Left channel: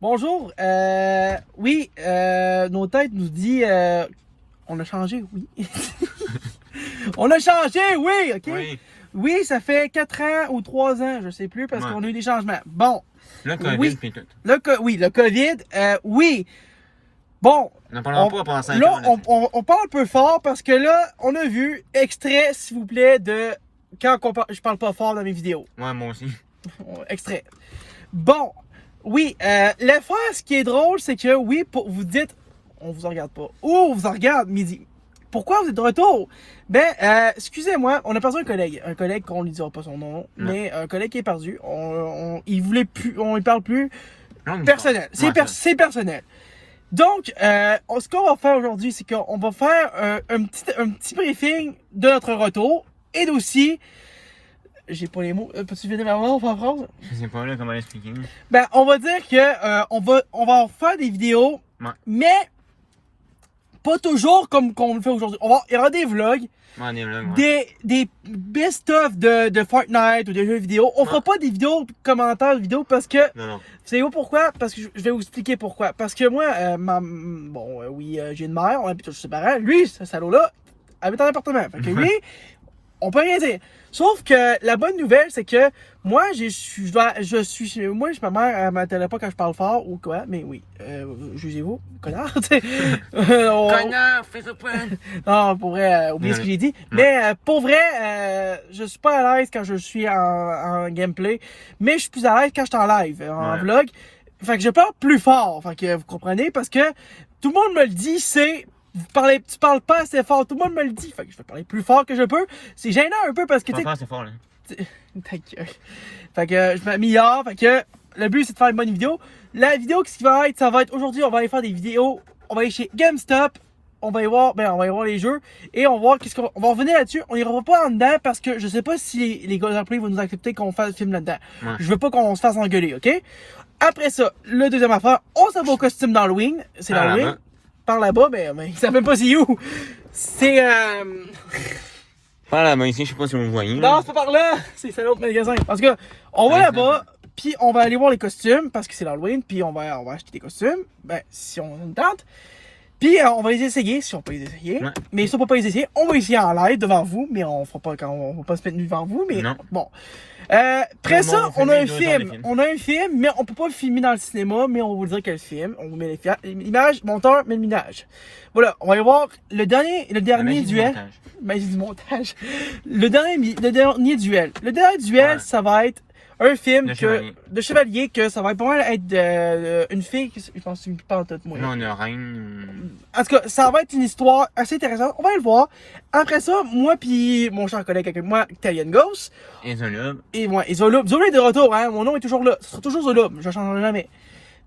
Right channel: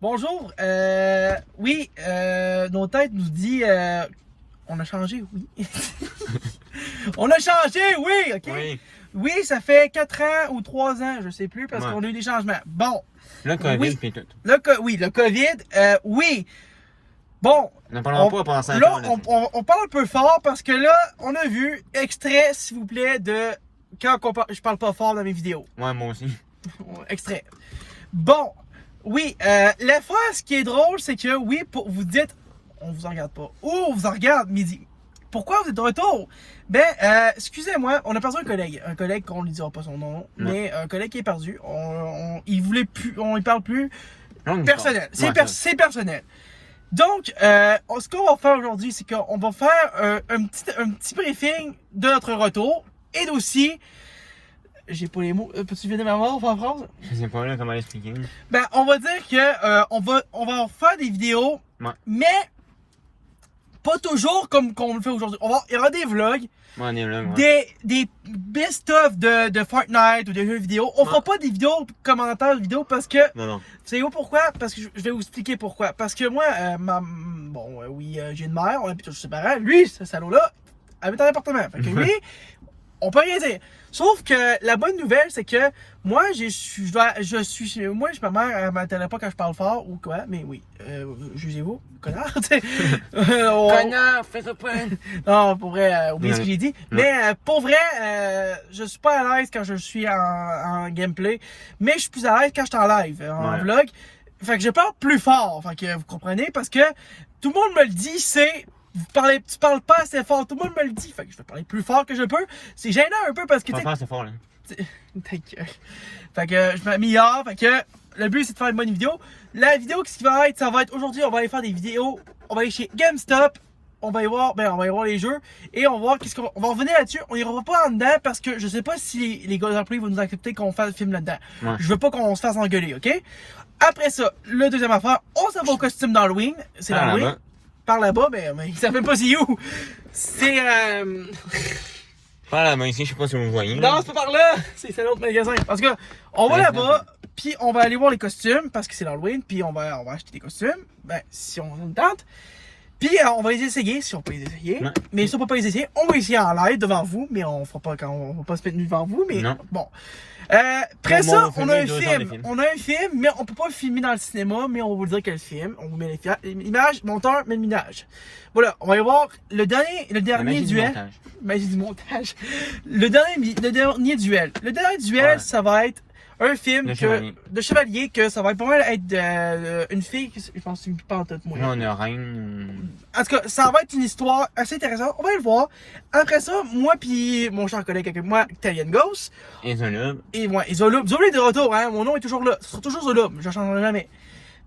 Bonjour, oui, nos têtes nous dit, on a changé, oui. On a changé, oui, ok? Oui. Oui, ça fait 4 ans ou 3 ans, je sais plus, parce qu'on a eu des changements. Bon. Le COVID, oui, puis tout. Oui, le COVID, oui. Bon. N'en parlons pas pendant 5 là, ans. on parle un peu fort parce que là, on a vu extrait, s'il vous plaît, de quand je parle pas fort dans mes vidéos. Ouais, moi aussi. Extrait. Bon, oui, l'affaire, ce qui est drôle, c'est que oui, vous dites, on vous en regarde pas. Ou on vous en regarde midi. Pourquoi vous êtes de retour? Ben, excusez-moi, on a perdu un collègue qu'on ne dira pas son nom, mais un collègue qui est perdu. Il voulait plus, on ne parle plus. Personnel, c'est personnel. Donc, ce qu'on va faire aujourd'hui, c'est qu'on va faire un petit briefing de notre retour et aussi, j'ai pas les mots, peux-tu venir m'avoir en France? Je sais pas là comment l'expliquer. Ben, on va dire que on va faire des vidéos, mais pas toujours comme on le fait aujourd'hui. Il y aura des vlogs, des best-of de Fortnite ou des jeux vidéo. On fera pas des vidéos commentaires de vidéos parce que... Non. Savez-vous pourquoi? Parce que je vais vous expliquer pourquoi. Parce que moi, j'ai une mère, on habite tous séparés. Lui, ce salaud-là, habite en appartement. Fait que lui, on peut rien dire. Sauf que la bonne nouvelle, c'est que moi, moi, ma mère, elle m'attendait pas quand je parle fort ou quoi, mais oui, jugez-vous, connard, Connard, fais ça pas! Non, pour vrai, oubliez ce que j'ai dit. Mais pour vrai, je suis pas à l'aise quand je suis en gameplay, mais je suis plus à l'aise quand je suis en live, en vlog. Fait que je parle plus fort, fait que vous comprenez, parce que tout le monde me le dit, c'est... Tu parles pas assez fort, tout le monde me le dit. Fait que je vais parler plus fort que je peux. C'est gênant un peu parce que Pas assez fort là. Ta gueule. Fait que je m'améliore. Fait que le but c'est de faire une bonne vidéo. La vidéo qui va être, aujourd'hui, on va aller faire des vidéos. On va aller chez GameStop. On va y voir, les jeux. Et on va voir on va revenir là-dessus. On ira pas en dedans parce que je sais pas si les gars employés vont nous accepter qu'on fasse le film là-dedans. Je veux pas qu'on se fasse engueuler, ok? Après ça, le deuxième affaire, on s'en va au costume d'Halloween. C'est l'Halloween. Par là-bas, mais ils savent même pas c'est où. C'est Par là-bas ici, je sais pas si vous voyez. Non, c'est pas par là. C'est un autre magasin. Parce que on va là-bas, puis on va aller voir les costumes parce que c'est l'Halloween, puis on va acheter des costumes. Ben, si on a une tente. Puis on va les essayer, si on peut les essayer. Mais si on peut pas les essayer, on va essayer en live devant vous, mais on fera pas on va pas se mettre nu devant vous, mais bon. Après ça, on a un film. On a un film, mais on peut pas le filmer dans le cinéma, mais on va vous dire quel film. On vous met l'image, monteur, met l'image. Voilà, on va aller voir le dernier duel. Magie du montage. Le dernier duel. Le dernier duel, ça va être un film de chevalier que ça va être pas mal être une fille, je pense que c'est une pantante, moi. Non, une reine. En tout cas, ça va être une histoire assez intéressante. On va le voir. Après ça, moi puis mon cher collègue avec moi, Italian Ghost. Et Zolob. Et moi, Zolob. Zolob est de retour, hein. Mon nom est toujours là. Ce sera toujours Zolob. Je ne changerai jamais.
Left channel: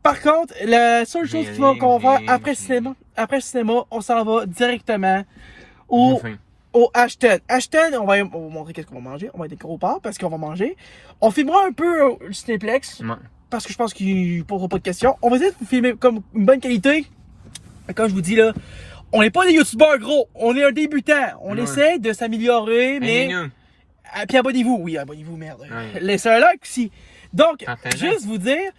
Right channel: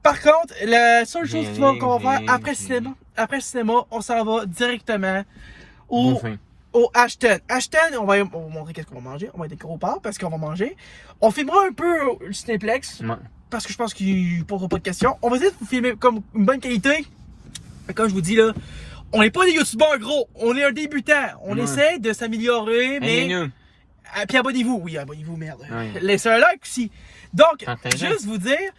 Par contre, la seule chose qu'on va faire après le cinéma, on s'en va directement au H10. H10, on va montrer qu'est-ce qu'on va manger. On va être gros part parce qu'on va manger. On filmera un peu le Cinéplex. Parce que je pense qu'il ne posera pas de questions. On va essayer de vous filmer comme une bonne qualité. Comme je vous dis là, on n'est pas des youtubeurs gros. On est un débutant. On essaie de s'améliorer. Mais. Puis abonnez-vous. Oui, abonnez-vous, merde. Laissez un like aussi. Donc, juste vous dire,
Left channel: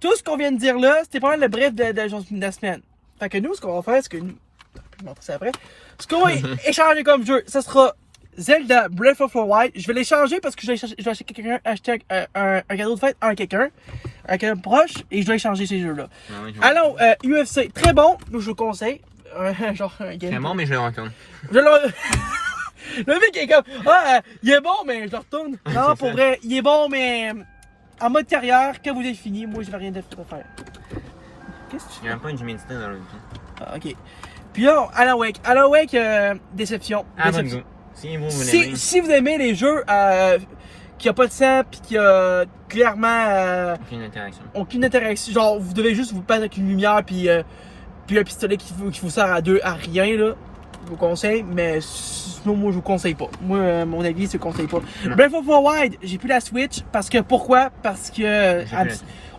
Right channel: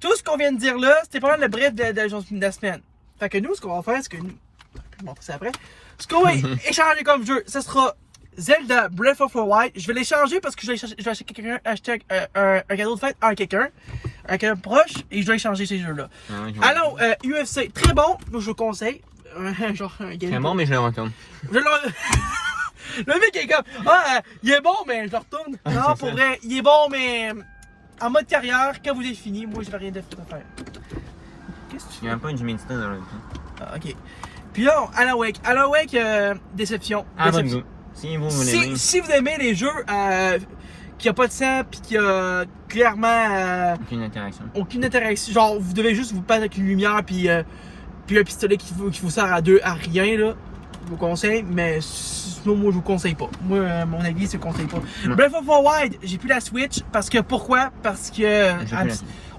tout ce qu'on vient de dire là, c'était pas mal le bref de la semaine. Fait que nous, ce qu'on va faire, c'est que nous, je vais montrer ça après. Ce qu'on va échanger comme jeu, ce sera Zelda Breath of the Wild. Je vais l'échanger parce que je vais acheter un cadeau de fête à quelqu'un proche et je dois échanger ces jeux-là. Alors, UFC, très bon, je vous conseille. Très bon, mais je le retourne. Le mec est comme, il est bon, mais je le retourne. Non, pour vrai, il est bon, mais en mode carrière, quand vous êtes fini, moi, je n'ai rien d'autre à faire. Qu'est-ce que tu fais? Il y a un peu d'humidité dans le vie. Ok. Puis là, Alan Wake, déception. Abonnez-vous. Si vous aimez les jeux qui n'ont pas de sang puis qui a clairement aucune interaction. Genre, vous devez juste vous battre avec une lumière puis un pistolet qui vous sert à rien, là. Je vous conseille, mais sinon, moi, je vous conseille pas. Moi, mon avis, je ne conseille pas. Breath of the Wild, j'ai plus la Switch. Pourquoi? Parce que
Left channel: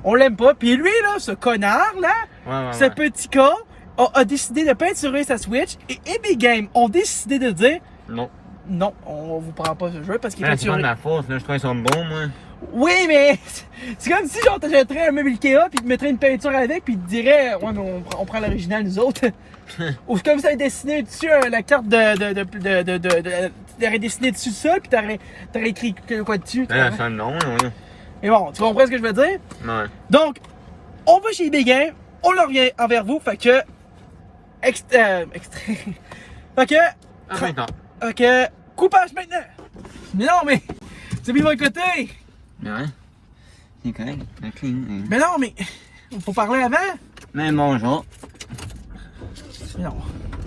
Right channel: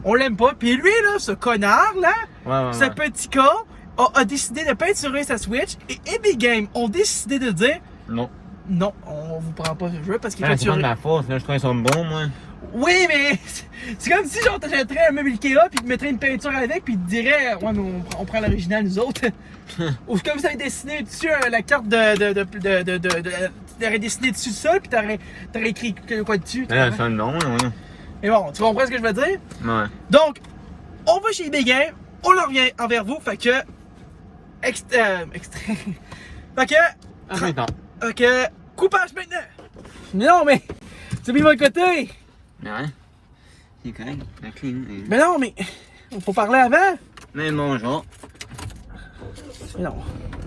on l'aime pas. Puis lui, là, ce connard, là, ce petit con, a décidé de peinturer sa Switch. Et Epic Games ont décidé de dire non, on vous prend pas ce jeu parce qu'il c'est pas de ma faute, là, je trouve qu'ils sont bons, moi. Oui, mais c'est comme si genre t'achèterais un meuble Ikea puis tu mettrais une peinture avec puis tu dirais ouais mais on prend l'original nous autres. Ou comme ça dessiné dessus la carte t'aurais dessiné dessus ça puis t'aurais écrit quoi dessus. Ouais, ça non, oui. Mais bon, tu comprends ce que je veux dire? Ouais. Donc, on va chez eBay Game, on le revient envers vous, fait que extrait. Fait que Ah, maintenant. ok, coupage maintenant. Non mais c'est mis de mon côté. Ouais. C'est correct. La clé. Mais non mais il faut parler avant. Mais bonjour. Non.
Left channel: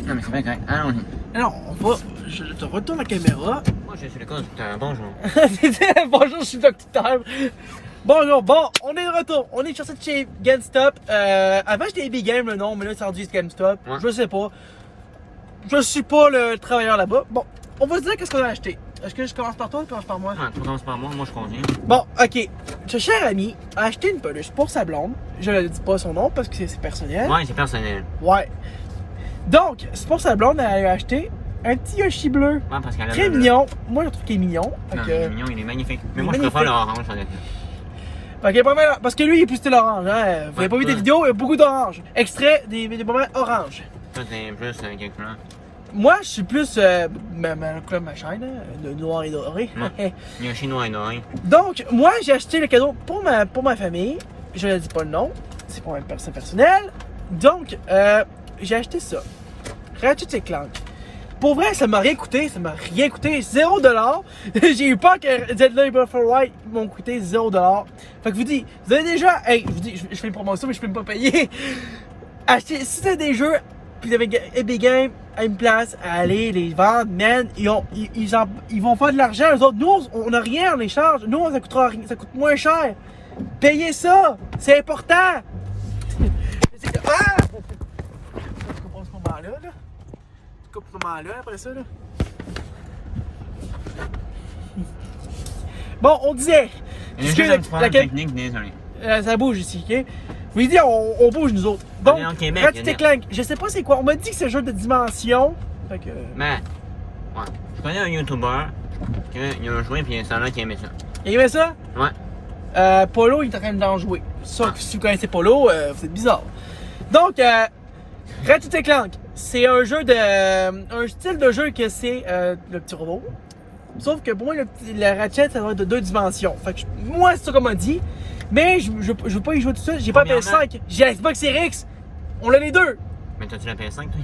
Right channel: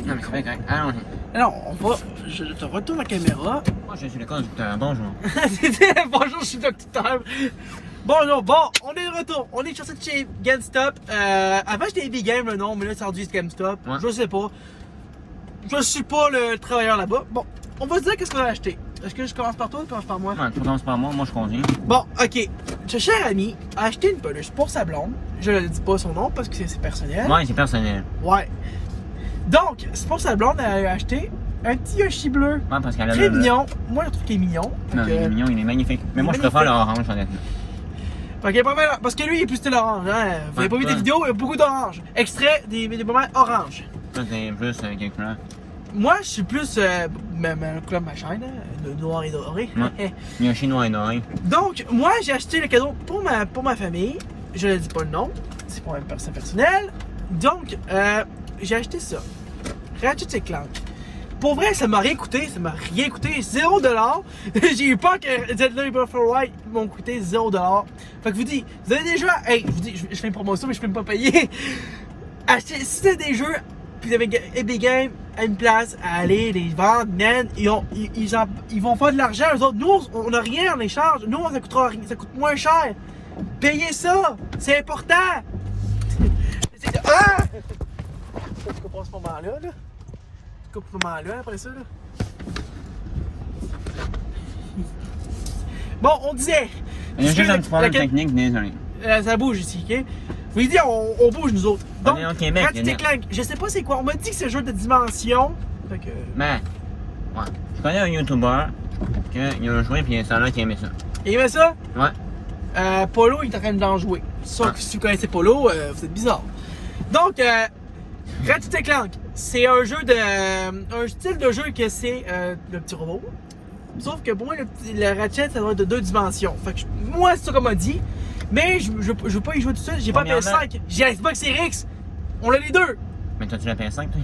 Non, mais c'est bien correct. Allons-y. Non, on va. Je te retourne la caméra. Moi, je suis le conducteur. Bonjour. Bonjour, je suis docteur. Bonjour, bon, on est de retour. On est sur cette chez GameStop. Avant, j'étais Epic Game, le nom, mais là, c'est rendu GameStop. Ouais. Je sais pas. Je suis pas le travailleur là-bas. Bon, on va se dire qu'est-ce qu'on a acheté. Est-ce que je commence par toi ou tu commences par moi? Ouais, tu commences par moi je conduis. Bon, ok. Ce cher ami a acheté une peluche pour sa blonde. Je ne dis pas son nom parce que c'est personnel. Ouais, c'est personnel. Ouais. Donc, c'est pour sa blonde, elle a acheté un petit Yoshi bleu. Ouais, parce qu'elle a Très mignon. Moi, je trouve qu'il est mignon. Non, il est mignon, il est magnifique. Mais moi, je préfère l'orange, honnêtement. Ok, pas mal. Parce que lui, il est plus style orange. Hein? Vous avez pas vu des vidéos, il y a beaucoup d'orange. Extrait des moments orange. Toi, c'est plus quelque chose. Moi, je suis plus. Comme ma chaîne, hein? Le noir et doré. Ouais. Yoshi noir et doré. Donc, moi, j'ai acheté le cadeau pour ma famille. Je ne dis pas le nom. C'est pour une personne personnelle. Donc, j'ai acheté ça. Ratchet & Clank. Pour vrai, ça m'a rien coûté. Ça m'a rien coûté. 0$. J'ai eu peur que Zelda Breath of the Wild m'ont coûté 0$. Fait que je vous dis, vous avez déjà. Hey, je vous dis, je fais une promotion, mais je peux même pas payer. Achetez, si vous avez des jeux, puis vous avez Epic Games à une place à aller les vendre, man, ils vont faire de l'argent. Eux autres, nous, on n'a rien en échange. Nous, ça coûtera rien, ça coûte moins cher. Payez ça, c'est important. Ah! Tu comprends ce moment-là, là? Tu coupes ce moment-là après ça, là? Bon, on disait. Il y a juste un petit problème technique, désolé. Ça bouge ici, ok? Je vous dis, on bouge nous autres. Donc, on est au Québec, Ratchet & Clank, je sais pas c'est quoi. On m'a dit que c'est un jeu de dimension. Fait que. Mais, ouais. Je connais un YouTuber qui a joué puis il y a un salon qui aimait ça. Il aimait ça? Ouais. Polo, il est en train d'en jouer. Sauf que si vous connaissez Polo, vous êtes bizarre. Donc, Ratchet & Clank, c'est un jeu de. Un style de jeu que c'est le petit robot. Sauf que pour moi, le Ratchet, ça doit être de 2 dimensions. Fait que moi, c'est ça qu'on m'a dit. Mais je veux pas y jouer tout seul. J'ai pas la PS5. J'ai la Xbox Series X. On a les deux. Mais t'as-tu la PS5, toi?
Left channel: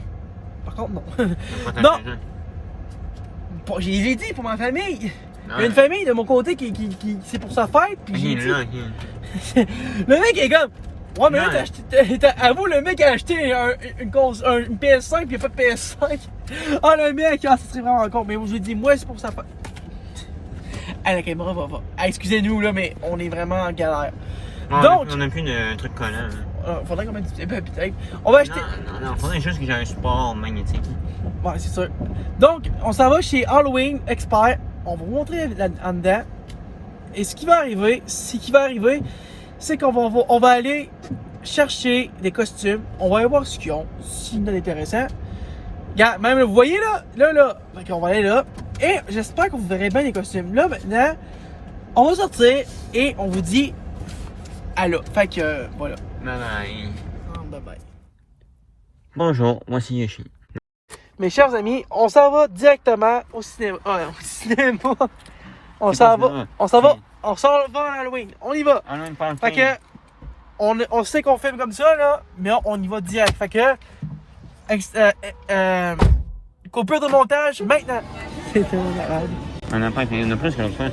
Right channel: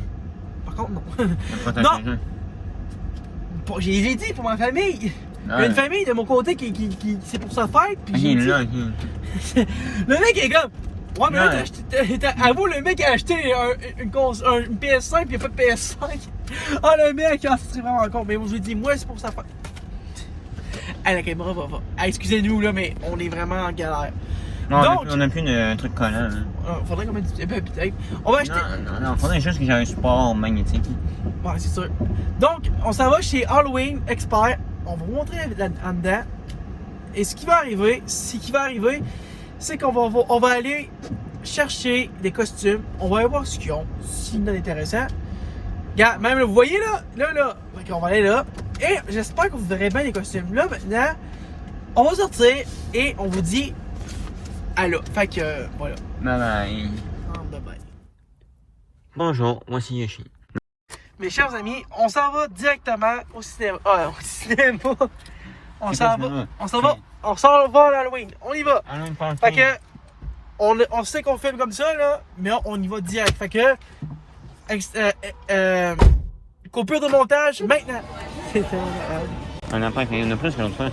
Par contre, non. Non. Bon, j'ai dit pour ma famille. Il y a une famille de mon côté qui c'est pour sa fête. Puis j'ai dit... Le mec est comme. Ouais, mais là, avoue, le mec a acheté une PS5 puis il n'y a pas de PS5. Ah, le mec, c'est vraiment con. Mais je vous dis, moi, c'est pour sa fête. Ah, la caméra va. Ah, excusez-nous, là, mais on est vraiment en galère. Non, donc, on n'a plus de trucs collants. Faudrait qu'on mette du peut-être. On va acheter. Non, faudrait juste que j'ai un support magnétique. Ouais, c'est sûr. Donc, on s'en va chez Halloween Expert. On va vous montrer en dedans. Et ce qui va arriver, c'est qu'on va aller chercher des costumes. On va aller voir ce qu'ils ont, si c'est intéressant. Regarde, même vous voyez là. Donc, on va aller là. Et j'espère que vous verrez bien les costumes. Là, maintenant, on va sortir et on vous dit allô. Fait que, voilà. Bye bye. Bye bye. Bonjour, moi c'est Yoshi. Mes chers amis, on s'en va directement au cinéma. Ah, au cinéma. On s'en va à l'Halloween. On y va. Fait que, on sait qu'on filme comme ça, là, mais on y va direct. Fait que, coupure de montage maintenant. On n'a pas fait, on a plus qu'une fois.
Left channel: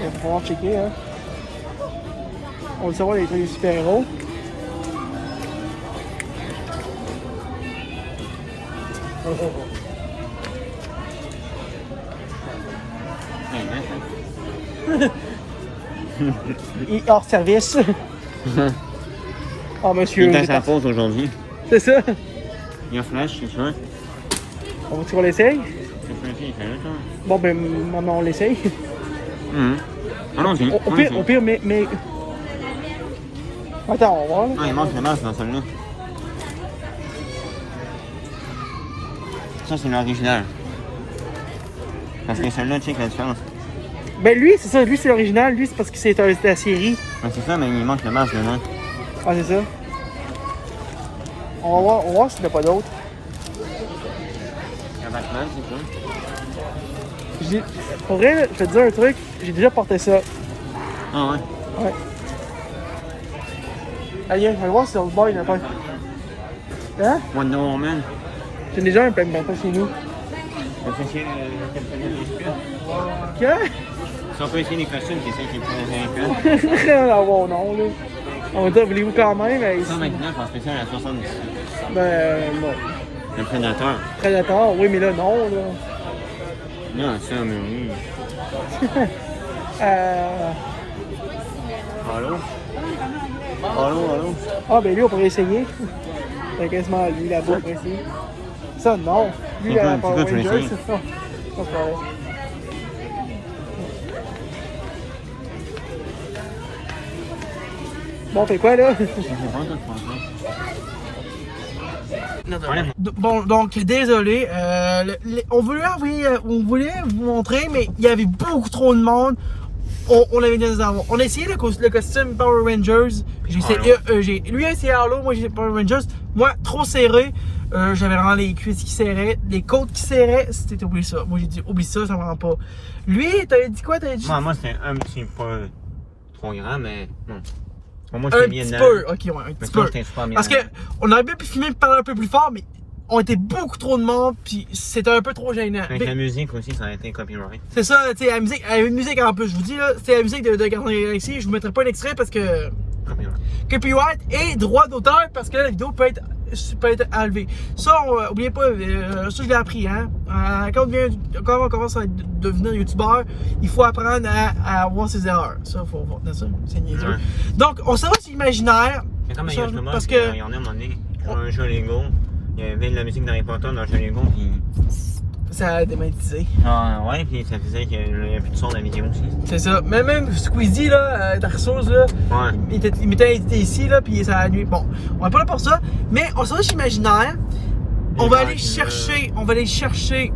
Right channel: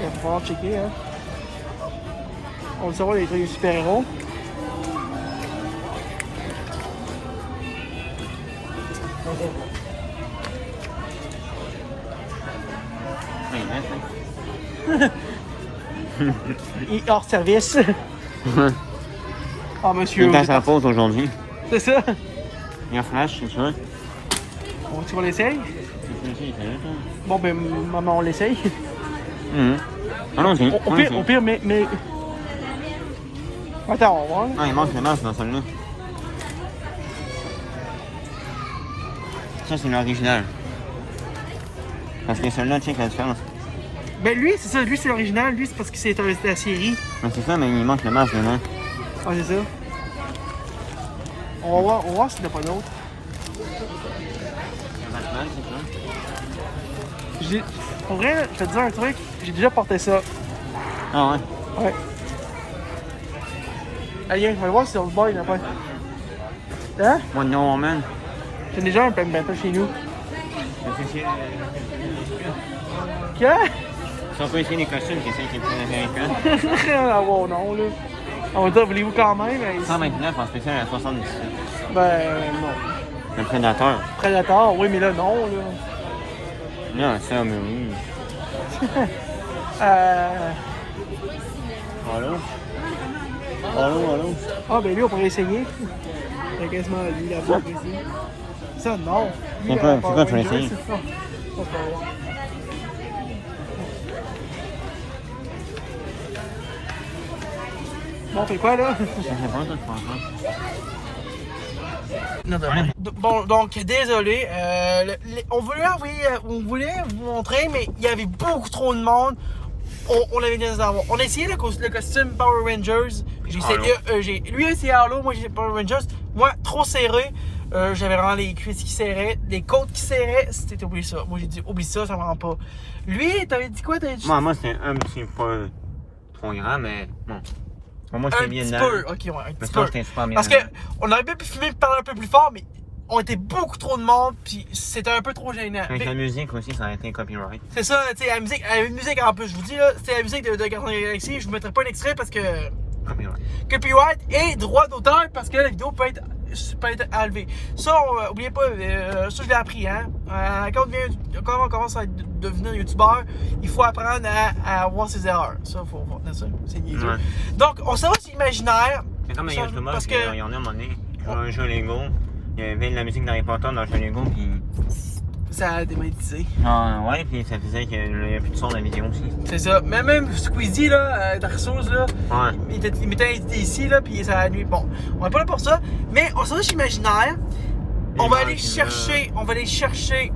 Il va falloir checker, hein. On le saura les trucs de super-héros. Il est hors service. Ah, monsieur. Il est à sa pause aujourd'hui. C'est ça. Il y a Flash, c'est sûr. On l'essaye? Bon, ben, maman, on l'essaye. Allons-y. Au pire, mais. Attends, on va voir. Là. Ah, il manque les masques dans celui-là. Ça, c'est l'original. Parce que celui-là, tu sais, la différence. Ben lui, c'est ça, lui c'est l'original, lui c'est parce que c'est la série. Mais c'est ça, mais il manque le masque, non? Ah, c'est ça. On va voir s'il n'y en a pas d'autres. Un Batman, c'est Pour vrai, je vais te dire un truc, j'ai déjà porté ça. Ah ouais? Ouais. Allez, on va voir si sur le bord il n'y en a pas. Hein? Wonder Woman. J'ai déjà un plein de bateau chez nous. On peut essayer Quoi? Si on peut essayer les costumes, c'est ça qui est le plus intéressant. Ah bon, non, là. On va dire, voulez-vous quand même? Mais... 129 en spécial à 70. Ben, non. Le Prédateur. Prédateur, oui, mais là, non, là. Là, ça, mais oui. Allô? Allô? Ah, ben lui, on pourrait essayer. C'est quasiment lui là-bas, on pourrait essayer. Ça, non. Lui, C'est quoi, Power tu veux Rangers, essayer? c'est ça. Ça, c'est pas vrai. Bon, on fait quoi, là? Bon, donc, désolé. On voulait vous montrer, mais il y avait beaucoup trop de monde. On avait des avoir. On a essayé le costume Power Rangers. J'ai essayé, lui a essayé Halo, moi j'ai essayé Power Rangers. Moi, trop serré. J'avais vraiment les cuisses qui serraient, les côtes qui serraient. C'était oublié ça. Moi j'ai dit oublie ça, ça me rend pas. Lui, t'avais dit quoi? T'avais dit... Moi c'est un petit peu trop grand, mais bon. Pour moi, Un petit peu, ok, ouais, un petit peu. Parce que on aurait bien pu filmer par un peu plus fort, mais on était beaucoup trop de monde, puis c'était un peu trop gênant. Avec la musique aussi, ça aurait été copyright. C'est ça, tu sais, la musique en plus, je vous dis là, c'était la musique de Gardien de la Galaxie, je vous mettrai pas un extrait parce que... Copyright et droit d'auteur parce que la vidéo peut être enlevée. Ça, oubliez pas, ça je l'ai appris, hein. Quand on commence à devenir youtubeur, il faut apprendre à avoir ses erreurs. Ça, faut voir ça, c'est niaiseux. Donc, on s'en va sur l'imaginaire. C'est comme ça, justement, parce que... il y en a un moment donné, un jeu Lego, il y avait de la musique d'Harry Potter dans le jeu Lego, puis... Ça a démonétisé. Ah ouais, puis ça faisait qu'il n'y avait plus de son dans la vidéo aussi. C'est ça. Même Squeezie, là, Dark Souls, là, ouais. il m'était invité ici, là, puis ça a nuit. Bon, on n'est pas là pour ça, mais on s'en va chez Imaginaire. On va aller chercher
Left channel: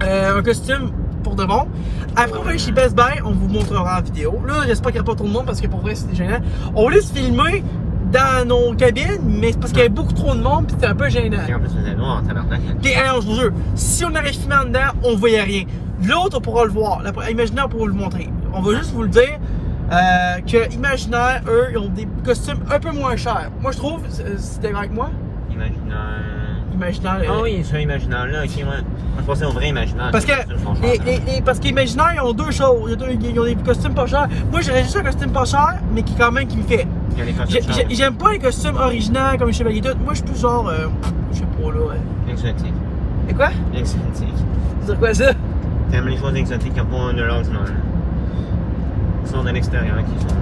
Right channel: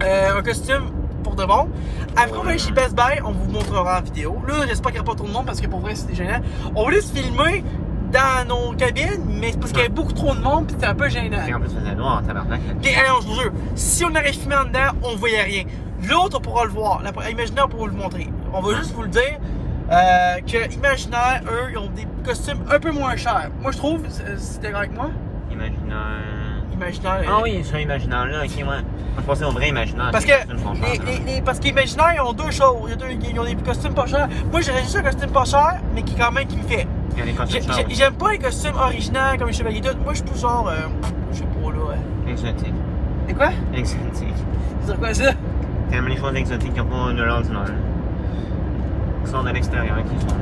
un costume pour de bon. Après, on va aller chez Best Buy, on vous montrera en vidéo. Là, j'espère qu'il n'y a pas trop de monde parce que pour vrai, c'est gênant. On voulait se filmer dans nos cabines, mais c'est parce qu'il y avait beaucoup trop de monde, puis c'était un peu gênant. Et en plus, c'était noir, tabarnak. Puis, alors, je vous jure, si on aurait filmé en dedans, on voyait rien. L'autre, on pourra le voir. Imaginaire, on pourra le montrer. On va juste vous le dire que Imaginaire, eux, ils ont des costumes un peu moins chers. Moi, je trouve, c'est d'accord avec moi? Imaginaire. Ah oui, c'est un imaginaire-là, ok, moi. Je pensais au vrai imaginaire. Parce que, parce qu'Imaginaire, ils ont deux choses. Ils ont des costumes pas chers. Moi, j'aurais juste un costume pas cher, mais qui, quand même, qui me fait. J'aime pas les costumes originaux comme les chevaliers tout. Moi, je suis plus genre, je sais pas là. Exotique. Et quoi? Exotique. C'est quoi ça? T'aimes les choses exotiques qui n'ont pas de l'ordinaire. Qui sont de l'extérieur, qui sont.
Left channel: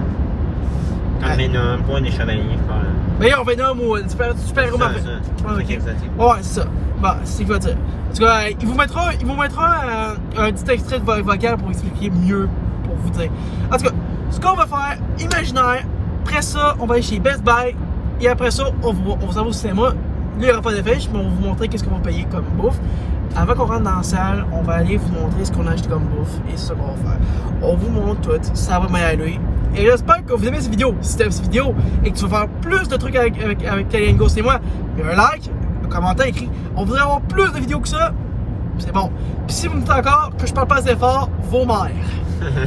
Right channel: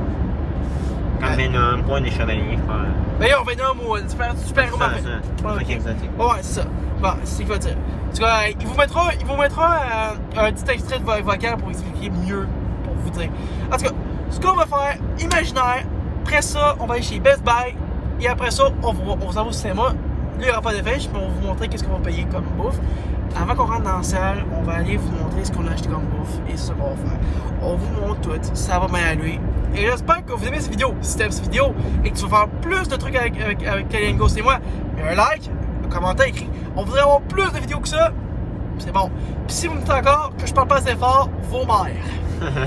Comme Venom, pas des chevaliers, je parle. Ben yo, Venom ou super héros Marvel. C'est exotique. Ouais, c'est ça. Bon, c'est ce qu'il va dire. En tout cas, il vous mettra un petit extrait de vocal pour expliquer mieux, pour vous dire. En tout cas, ce qu'on va faire, Imaginaire. Après ça, on va aller chez Best Buy. Et après ça, on s'en va au cinéma. Là, il n'y aura pas de fiche, mais on va vous montrer qu'est-ce qu'on va payer comme bouffe. Avant qu'on rentre dans la salle, on va aller vous montrer ce qu'on a acheté comme bouffe. Et c'est ça qu'on va faire. On vous montre tout. Ça va bien aller. Et j'espère que vous aimez cette vidéo. Si tu aimes cette vidéo et que tu veux faire plus de trucs avec Kalian Ghost et moi, il y a un like, un commentaire écrit. On voudrait avoir plus de vidéos que ça. C'est bon. Puis si vous me dites encore que je parle pas assez fort, vos mères.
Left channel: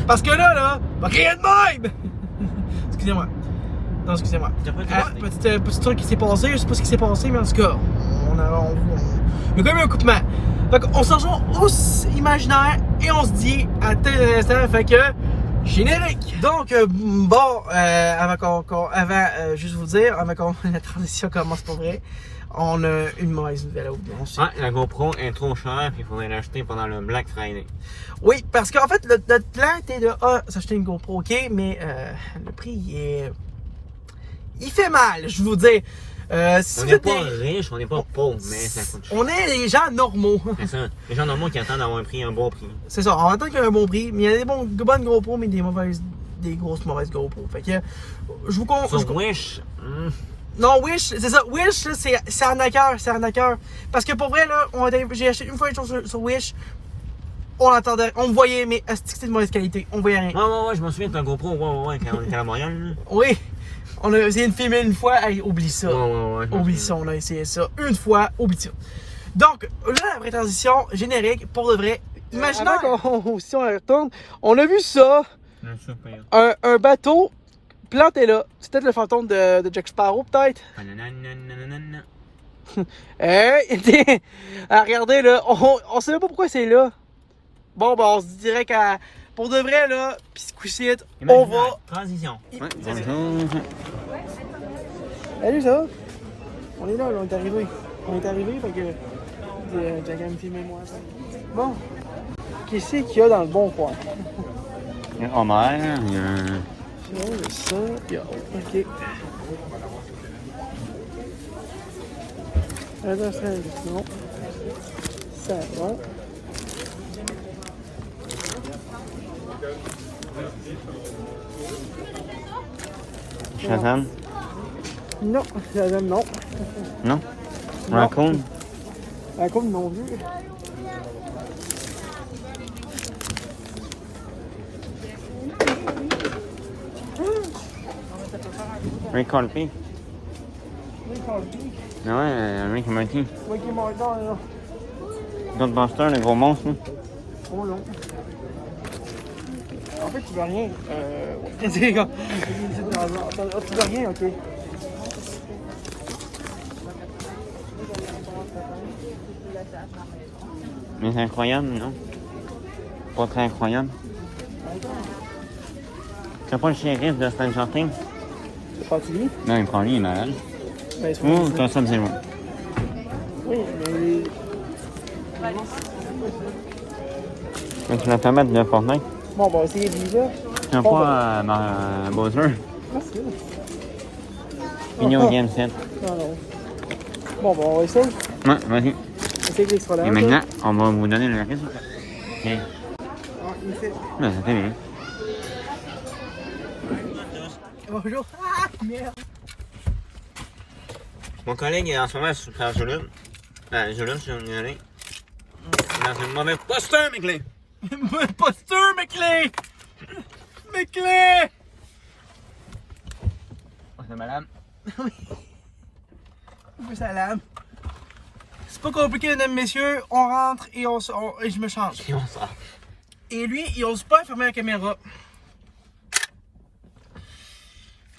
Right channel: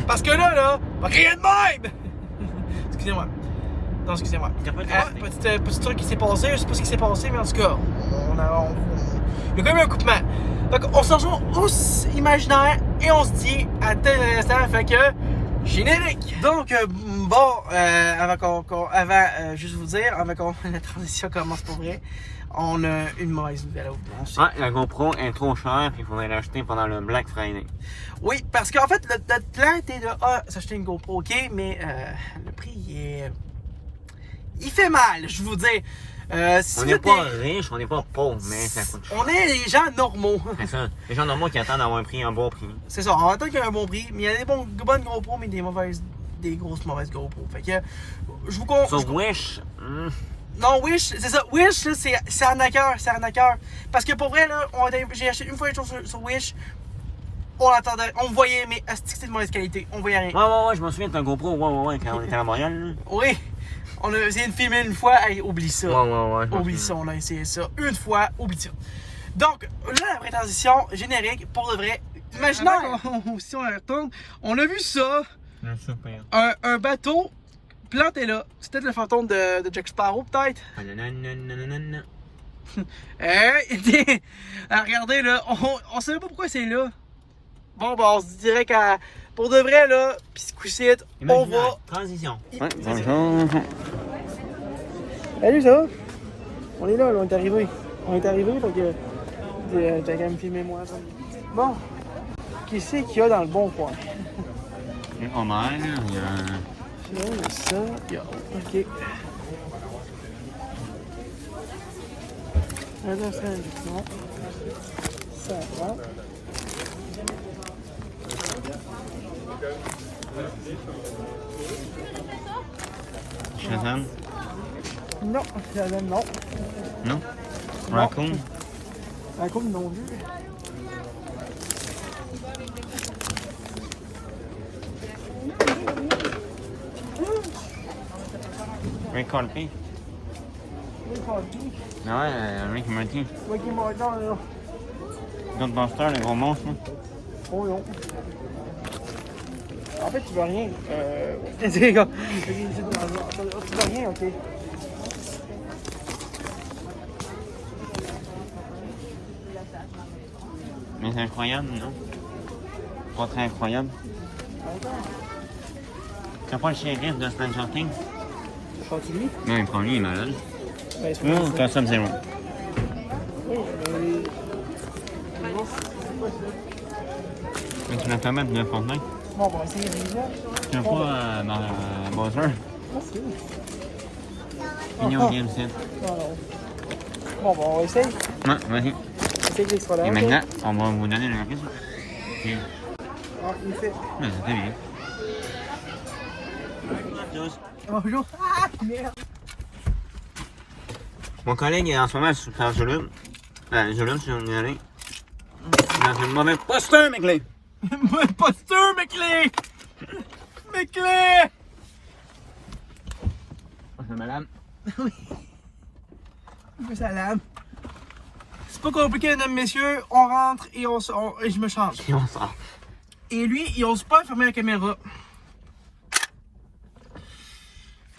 Parce que là, va crier de même! Excusez-moi. Non, excusez-moi. Petit truc qui s'est passé, je sais pas ce qui s'est passé, mais en tout cas, il y a quand même un coupement. Donc, on se rejoint au Imaginaire et on se dit à tel instant, fait que générique. Donc, bon, juste vous dire, avant qu'on la transition commence pour vrai, on a une mauvaise nouvelle à vous annoncer. Ah, la GoPro est trop chère, puis il faudrait l'acheter pendant le Black Friday. Oui, parce qu'en fait, notre plan était de s'acheter une GoPro, ok, mais le prix, il fait mal, je vous dis. Si on n'est pas riche, on n'est pas pauvre, mais ça coûte cher. On est des gens normaux. C'est ça. Les gens normaux qui attendent d'avoir un bon prix. C'est ça, on attend qu'il y ait un bon prix, mais il y a des bonnes GoPro, mais des grosses mauvaises GoPro. Fait que, je vous conseille. Sur Wish. Non, Wish, c'est ça. Wish, c'est arnaqueur. Parce que pour vrai, là, j'ai acheté une fois une chose sur Wish. on entendait, on me voyait, mais c'était de mauvaise qualité. On voyait rien. Ouais, je me souviens de ton GoPro, ouais, quand on était à Montréal. Là. Oui, on a essayé de filmer une fois, hey, oublie ça. Ouais. Oublie ça, on a essayé ça. Une fois, oublie ça. Donc, là, la pré-transition générique, pour de vrai, imaginons. Si on retourne, on a vu ça. Un bateau planté là. C'est peut-être le fantôme de Jack Sparrow, peut-être. Hey, regardez là, on sait même pas pourquoi c'est là. Bon, ben on se dirait qu'à. Pour de vrai là, pis ce coup-ci, on va. Transition. Ouais, Salut, ça va? On est là, on est arrivé. On est arrivé, donc t'as qu'à me filmer moi. Bon, qu'est-ce qu'il y a dans le bon coin? Il y a Homer, il y a... Il y a ça, il y a... Ok. Attends, ça, effectivement. Ça va. Shazam? Non, Shazam, non. Non? Raccoon? Raccoon, non vu. Rick Morty? Ouais, Rick Morty. Rick et Morty, là. Ghostbusters, le gros monstre. Oh non. En fait, tu vois rien. C'est les gars. Tu vois rien, ok. Mais c'est incroyable, non? Pas très incroyable. C'est pas le shérif de Stranger Things? Chantilly? Non, il prend lui, il est malade. Ben, Personne zéro. Oui, Donc, tu vas te mettre de Fortnite? bon, ben, c'est lui, là. Tu vas pas dans Bowser? Ah, c'est vrai. Pignon Game 7. Bon, ben, on va essayer. Ouais, vas-y. Essayer qu'il sera là. Et maintenant, on va vous donner le reste. Ok. Ah, il fait. Ouais, c'est bien. Bonjour. Ah, merde. Mon collègue est en ce moment super gelé. Gelé, si on y allait. Dans une mauvaise posture, mes clés. Mauvaise posture, mes clés. Mes clés. Oh, c'est malade. Oui. Salam. C'est pas compliqué, mesdames, messieurs. On rentre et et je me change. Et on sort. Et lui, il ose pas fermer la caméra.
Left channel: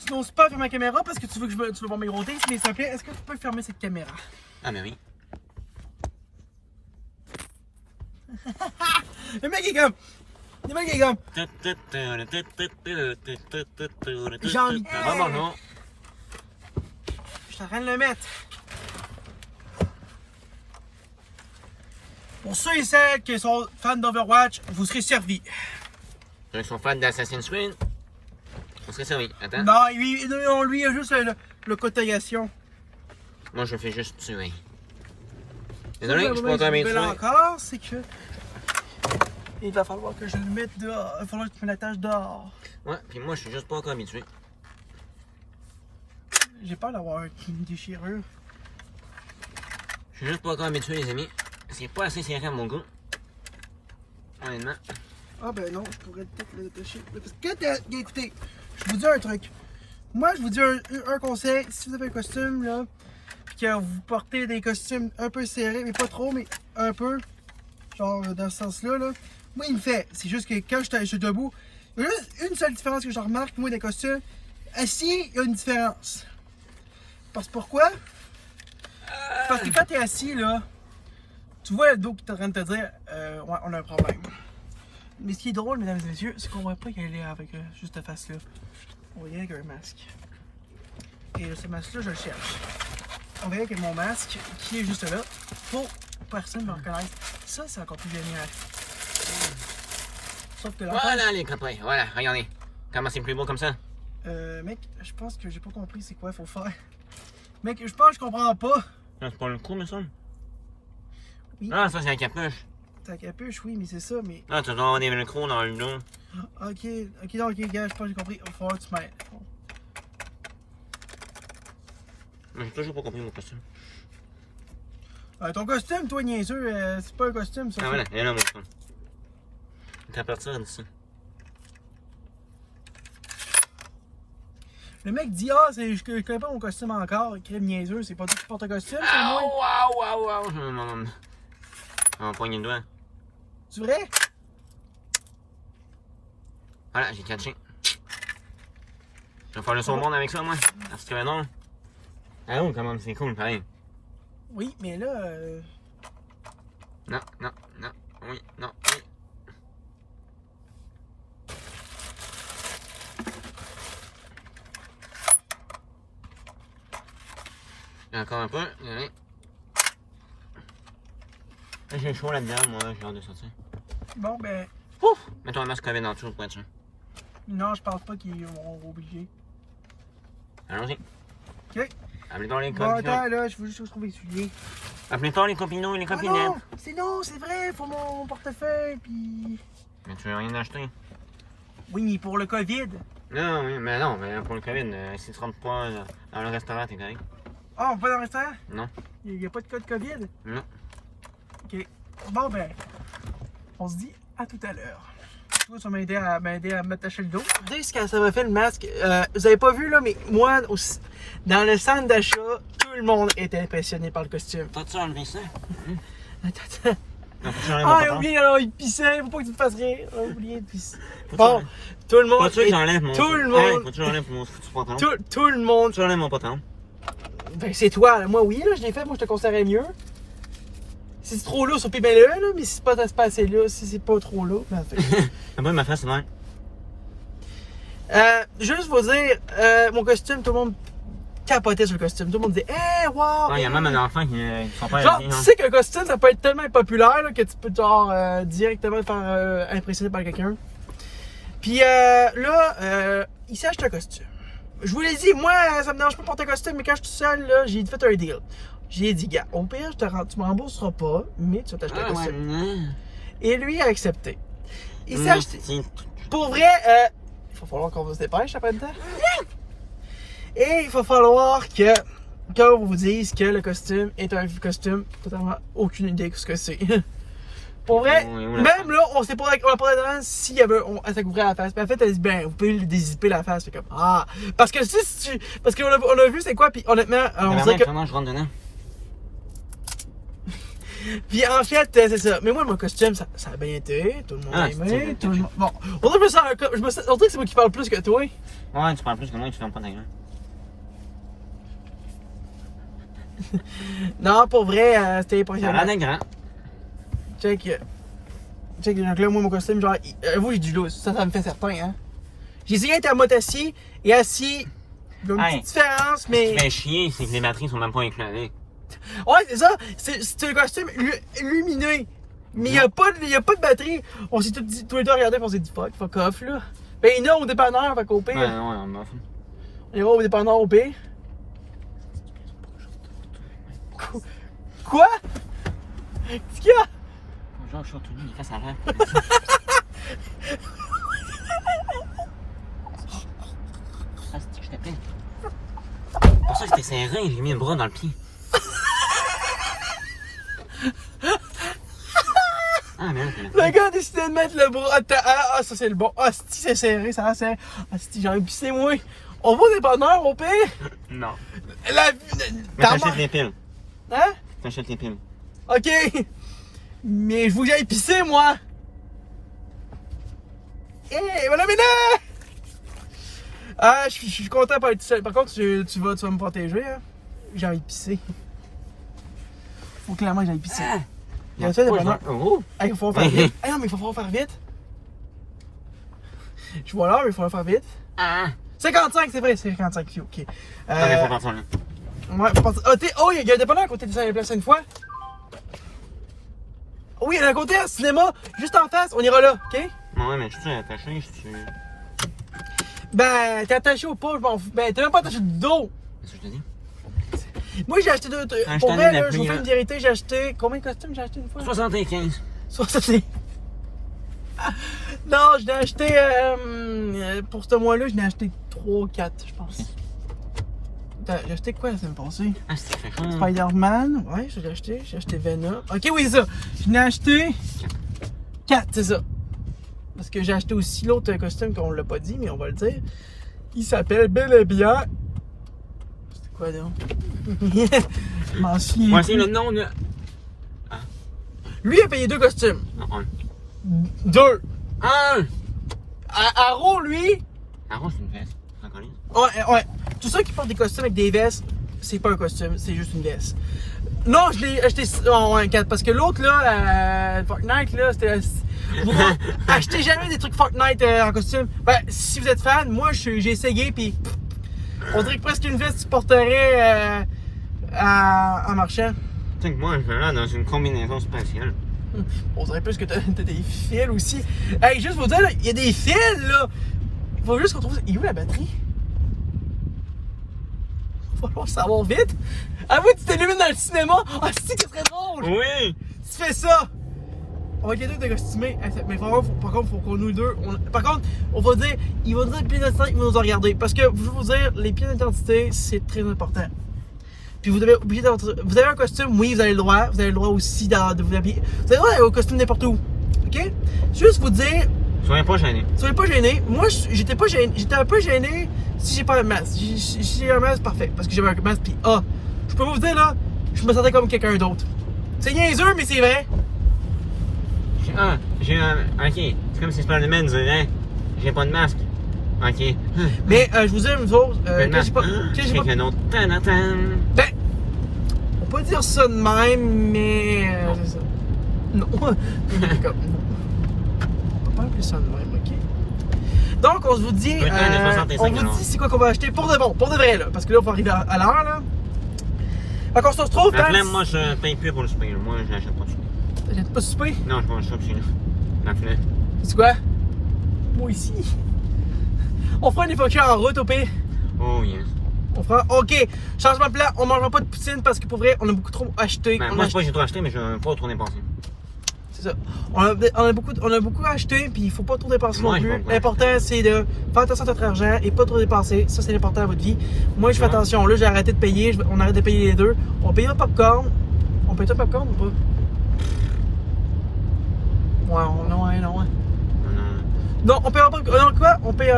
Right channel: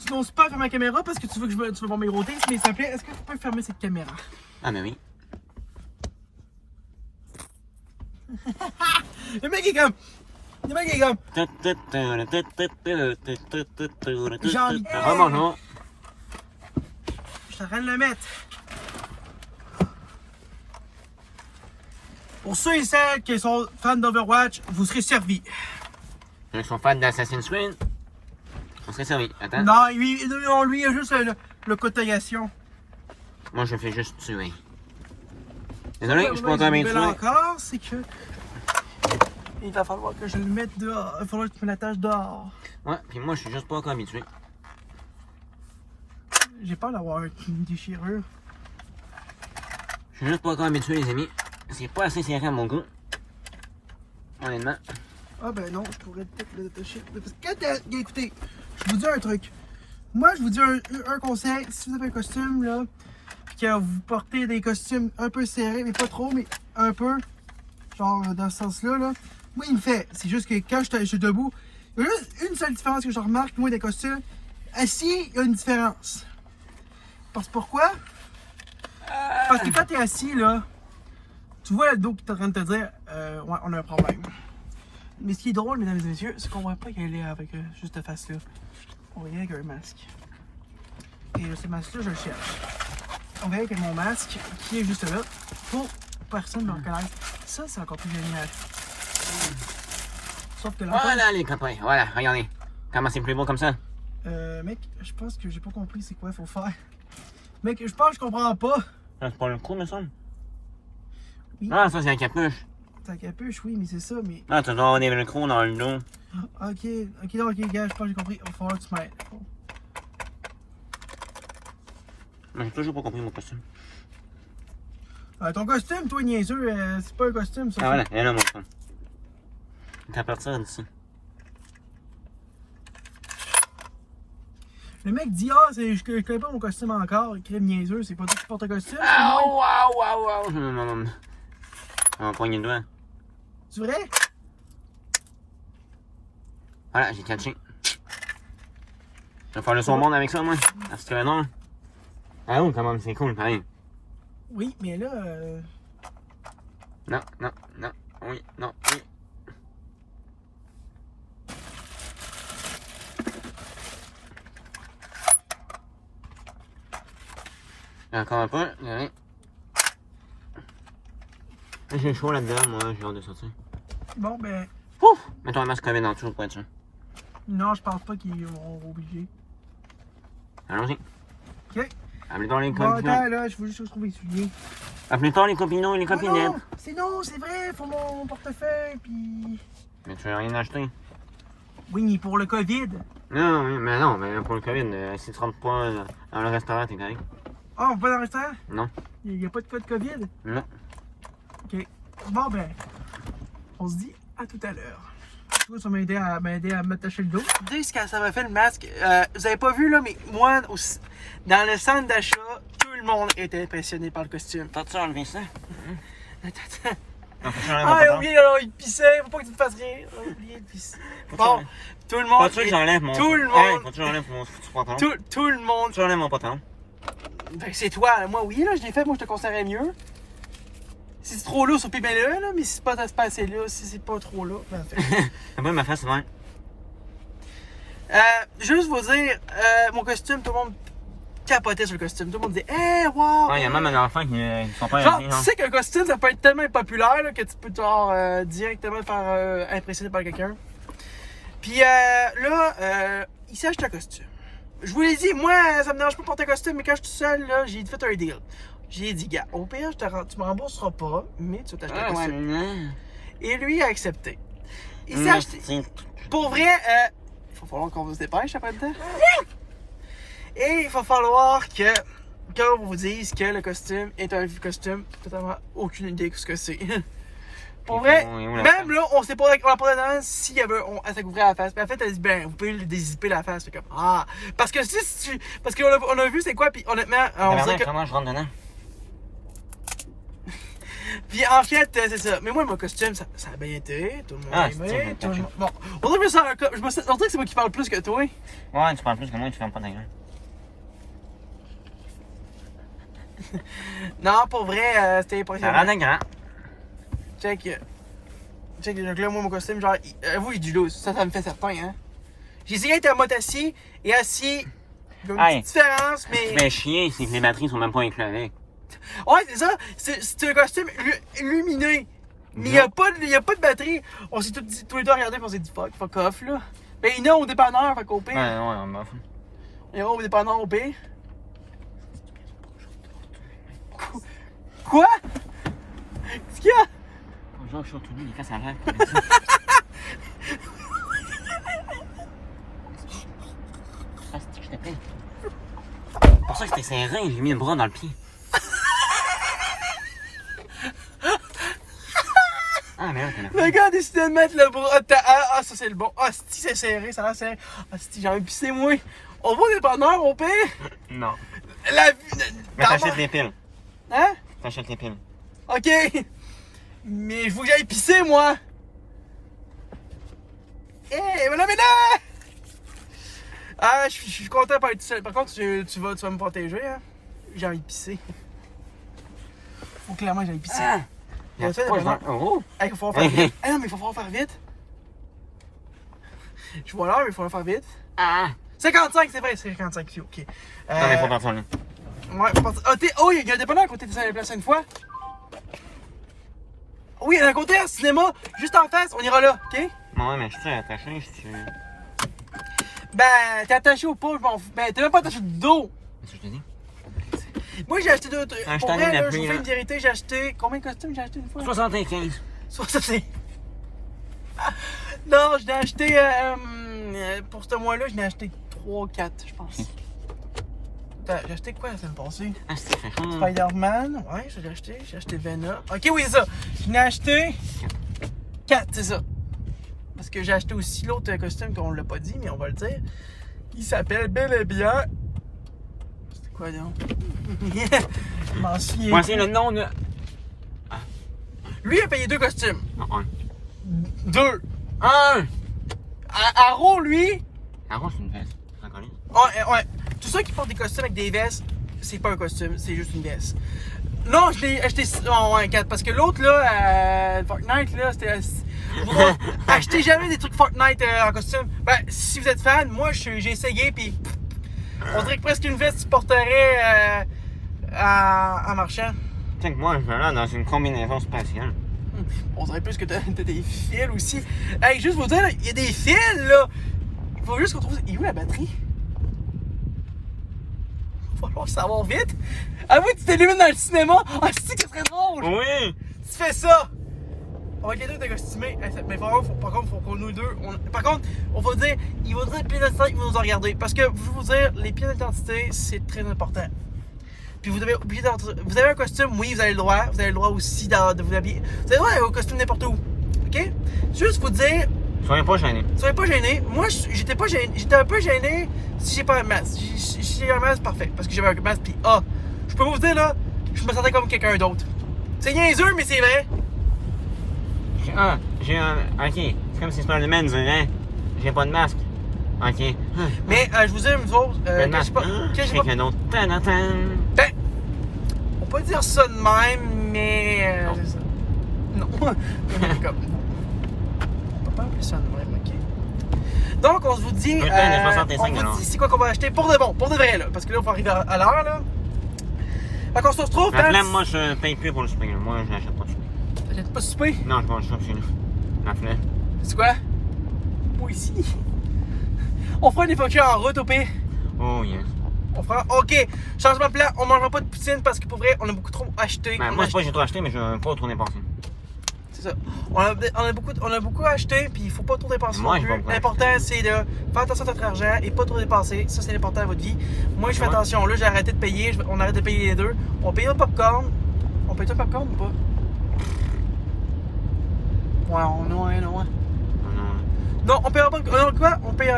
Tu n'oses pas fermer la caméra parce que tu veux que tu veux voir mes rotés, mais s'il te plaît, est-ce que tu peux fermer cette caméra? Ah, ben oui. Le mec est comme. Le mec est comme. J'ai envie. Ah, bonjour. Je suis en train de le mettre. Pour ceux et celles qui sont fans d'Overwatch, vous serez servis. Ceux qui sont fans d'Assassin's Creed, on serait servi. Attends. Non, lui, il a juste le cotation. Moi, je fais juste tuer. Désolé, je suis pas en train de tuer. Encore, c'est que. Il va falloir que je le mette dehors. Il va falloir que tu me l'attaches dehors. Ouais, puis moi, je suis juste pas encore habitué. J'ai peur d'avoir une déchirure. Je suis juste pas encore habitué, les amis. C'est pas assez serré à mon goût. Honnêtement. Ah ben non, je pourrais peut-être le détacher. Parce que, écoutez, je vous dis un truc. Moi, je vous dis un conseil. Si vous avez un costume, là, puis que vous portez des costumes un peu serrés, mais pas trop, mais un peu, genre dans ce sens-là, là, moi, il me fait. C'est juste que quand je suis debout, il y a juste une seule différence que je remarque, moi, des costumes. Assis, il y a une différence. Parce que pourquoi? Parce que quand t'es assis, là, tu vois le dos qui est en train de te dire, ouais, on a un problème. Mais ce qui est drôle, mesdames et messieurs, c'est qu'on ne voit pas y aller avec juste cette face-là. On va y aller avec un masque. Et ce masque-là, je le cherche. On va y aller avec mon masque, qui est juste là, pour personne ne me reconnaisse. Ça, c'est encore plus génial. Sauf que l'enfant... Voilà, les copains. Voilà, regardez. Comment c'est plus beau comme ça? Mec, je pense que j'ai pas compris c'est quoi il faut faire. Mec, je pense que je comprends pas. Ça, c'est pas le coup, me semble? Oui. Ah, ça, c'est la capuche. Ta capuche, oui, mais c'est ça, mais... Ah, tu dois avoir des velcro dans le dos. Ok, non, ok, gars, je pense que j'ai compris. Il va falloir que tu m'aides. Bon. Mais j'ai toujours pas compris mon costume. Ton costume, toi, niaiseux, c'est pas un costume, ça. Ah, voilà, et là, mon costume. T'as partir d'ici. Le mec dit, ah, je connais pas mon costume encore. Crème niaiseux, c'est pas tout qui porte un costume. Waouh! On poigne le doigt. C'est vrai? Voilà, j'ai catché. Je vais faire le son monde avec ça, moi. Parce que non. Ah oui, quand même, c'est cool, pareil. Oui, mais là. Non, oui, non, oui. Encore un peu, allez. J'ai chaud là-dedans, moi, j'ai hâte de sortir. Bon, ben. Ouf! Mets-toi un masque COVID en dessous pour être sûr. Non, je pense pas qu'ils vont obliger. Allons-y. Ok. Appelez-toi les Bon, copinons. attends, là, je veux juste trouver essuyer. Appelez-toi les copinons et les copinettes. Non, c'est vrai, pour mon portefeuille, puis. Mais tu veux rien acheter? Oui, mais pour le COVID. Non, mais pour le COVID, si tu rentres pas dans le restaurant, t'es correct. Ah, on va pas dans le restaurant? Non. Il n'y a pas de code COVID? Non. Ok. Bon, ben, on se dit à tout à l'heure. Ça va m'aider à m'attacher le dos. Dès que ça m'a fait le masque, vous avez pas vu là, mais moi, dans le centre d'achat, tout le monde était impressionné par le costume. T'as-tu enlevé ça? Attends. Ah, j'ai oublié, alors il pissait, faut pas que tu te fasses rire. J'ai oublié de pisser. Bon, tout le monde. Faut-tu que j'enlève mon. Tout le monde. Faut-tu que j'enlève mon pantalon? Tout le monde. Faut-tu que j'enlève mon pantalon? Ben, c'est toi. Moi, oui, là, je l'ai fait. Moi, je te conseillerais mieux. Si c'est trop lourd, puis mets-le, là. Mais si c'est pas assez là, si c'est pas trop lourd, ben, C'est pas ma face, c'est juste vous dire, mon costume, tout le monde capotait sur le costume. Tout le monde disait, hey, wow! Il y a même un enfant qui son père Genre, a dit, tu sais qu'un costume, ça peut être tellement impopulaire là, que tu peux, genre, directement te faire impressionner par quelqu'un. Puis là, il s'est acheté un costume. Je vous l'ai dit, moi, ça me dérange pas de porter un costume, mais quand je suis tout seul, là, j'ai fait un deal. J'ai dit, gars, au pire, tu me rembourseras pas, mais tu vas t'acheter un costume. Ouais, Et lui a accepté. Il s'est acheté. Pour vrai, il va falloir qu'on se dépêche après le temps. Et il va falloir que quand on vous dise que le costume est un costume, totalement aucune idée de ce que c'est. Pour vrai, même là, on sait pas, on a pas dedans s'il y avait, ça couvrait la face. Puis en fait, elle dit, ben, vous pouvez dézipper la face. C'est comme, ah. Parce que parce qu'on a vu c'est quoi, puis honnêtement, on dirait que. Comment je rentre dedans? Puis en fait, c'est ça. Mais moi, mon costume, ça a bien été. Tout le monde a aimé. Tout le monde... Bon, on dirait que c'est moi qui parle plus que toi. Ouais, tu parles plus que moi, tu fermes pas ta gueule. Non, pour vrai, c'était impressionnant. Ah, grand. Check, donc là, moi, mon costume, genre, vous, j'ai du loose. Ça me fait certain, hein. J'ai essayé d'être à mode assis et assis. Il y a une petite différence, mais. Ce qui fait chier, c'est que les batteries sont même pas éclairées. Ouais, c'est ça. C'est un costume lumineux. Mais il n'y a pas de batterie. On s'est tous les deux regardés et on s'est dit fuck off, là. Ben, il y en a au dépanneur, fait qu'au pire. Ouais, on m'en fout. Il y en a au dépanneur au pire. Quoi? Qu'est-ce qu'il y a? Bonjour, je suis retourné, il casse la vraie. Ah, c'est que je t'ai C'est pour ça que j'étais serré, j'ai mis le bras dans le pied. Ah, mais le gars a décidé de mettre le bras. Ah, ça c'est le bon. Ah, si c'est serré, ça va serré. Ah, si j'ai envie de pisser, moi. On va au dépanneur au pire? Non. La vue. T'achètes les piles. Hein? T'achètes les piles. Ok. Mais je veux que j'aille pisser, moi. Hey, voilà, maintenant! Ah, je suis content de pas être seul. Par contre, tu vas me protéger, hein? J'ai envie de pisser. Faut clairement que j'aille pisser. Ah. Il y a ça, dépanneur. Oh! Hey, il va falloir faire vite. Hey, non, mais il va falloir faire vite. Je vois l'heure, mais il va falloir faire vite. Ah! 55, c'est vrai, c'est 55 pieds, ok. Ouais, oh, il y a un dépanneur à côté de la place une fois. Oui, il y a un côté, un cinéma, juste en face, on ira là, ok? Non, mais je suis attaché si tu. Ben, t'es attaché ou pas, je m'en fous. Ben, t'es même pas attaché du dos. Qu'est-ce que je te dis? Moi, j'ai acheté deux trucs. Pour vrai, là, je vous fais une vérité, j'ai acheté. Combien de costumes j'ai acheté une fois? 75. 60. Non, je l'ai acheté. Pour ce mois-là, je l'ai acheté 3-4, je pense. Attends, j'ai acheté quoi la semaine passée? Ah, c'est chaud. Spider-Man, ouais, je l'ai acheté. J'ai acheté Venom. Ok, oui, c'est ça. Je l'ai acheté 4, c'est ça. parce que j'ai acheté aussi l'autre costume qu'on l'a pas dit, mais on va le dire. Il s'appelle bel et bien... C'est quoi donc? Je m'en souviens. Voici le nom de... Lui a payé 2 costumes. Non, 2. un. Aro, lui... Aro, c'est une veste. D'accord. Ouais. Tous ceux qui portent des costumes avec des vestes, c'est pas un costume, c'est juste une veste. Non, je l'ai acheté en 4 parce que l'autre là, Fortnite là, c'était. Achetez jamais des trucs Fortnite en costume. Ben, si vous êtes fan, moi j'ai essayé puis on dirait que presque une veste tu porterais en marchant. Tu sais que moi, je vais là dans une combinaison spatiale. On dirait plus que t'as des fils aussi. Hey, juste vous dire, il y a des fils là. Il faut juste qu'on trouve. Il est où la batterie? Il va falloir savoir vite. Ah oui, tu t'illumines dans le cinéma? Ah, c'est que ce serait drôle! Oui! Tu fais ça! On va être deux décostumés. Mais par contre, faut qu'on nous deux. Par contre, on va dire, il va dire les pièces d'identité, il va nous en regarder. Parce que, je vais vous dire, les pièces d'identité, c'est très important. Puis vous devez oublier vous avez un costume, oui, vous avez le droit. Vous avez le droit aussi de vous habiller. Vous avez le droit d'aller au costume n'importe où. OK? Juste vous dire. Soyez pas gênés. Soyez pas gênés. Moi, j'étais pas gêné. J'étais un peu gêné si j'ai pas un masque. Si j'ai un masque, parfait. Parce que j'avais un masque, puis je peux vous dire là, je me sentais comme quelqu'un d'autre. C'est niaiseux, mais c'est vrai. J'ai un. Ok. C'est comme si Spider-Man disait, j'ai pas de masque. Ok. Mais je vous dis une chose, que j'ai pas. Un autre. Ben, on peut dire ça de même, mais. C'est ça. Non. Comme, non. On peut pas appeler ça de même, ok? Donc, on vous dit. On vous dit c'est quoi qu'on va acheter pour de bon, pour de vrai, là. Parce que là, il faut arriver à l'heure, là. Fait qu'on se retrouve dans. Moi, je paye plus pour le souper. Moi, je n'achète pas de souper. T'achètes pas de souper? Non, je mange ça chez nous. Dans le filet. C'est quoi? Moi ici. On fera une évacuation en route au pire. Oh yes. On fera. Ok, changement de plan, on mangera pas de poutine parce que pour vrai, on a beaucoup trop acheté. Ben, moi, j'ai trop acheté, mais je veux pas trop dépenser. C'est ça. On a beaucoup acheté, puis il faut pas trop dépenser non plus. L'important, c'est de faire attention à votre argent et pas trop dépenser. Ça, c'est l'important à votre vie. Moi, je fais attention. Là, j'ai arrêté de payer. On arrête de payer les deux. On paye le popcorn. On paye le popcorn ou pas? Ouais, non. Non, on paye pas. Non, quoi? On paye.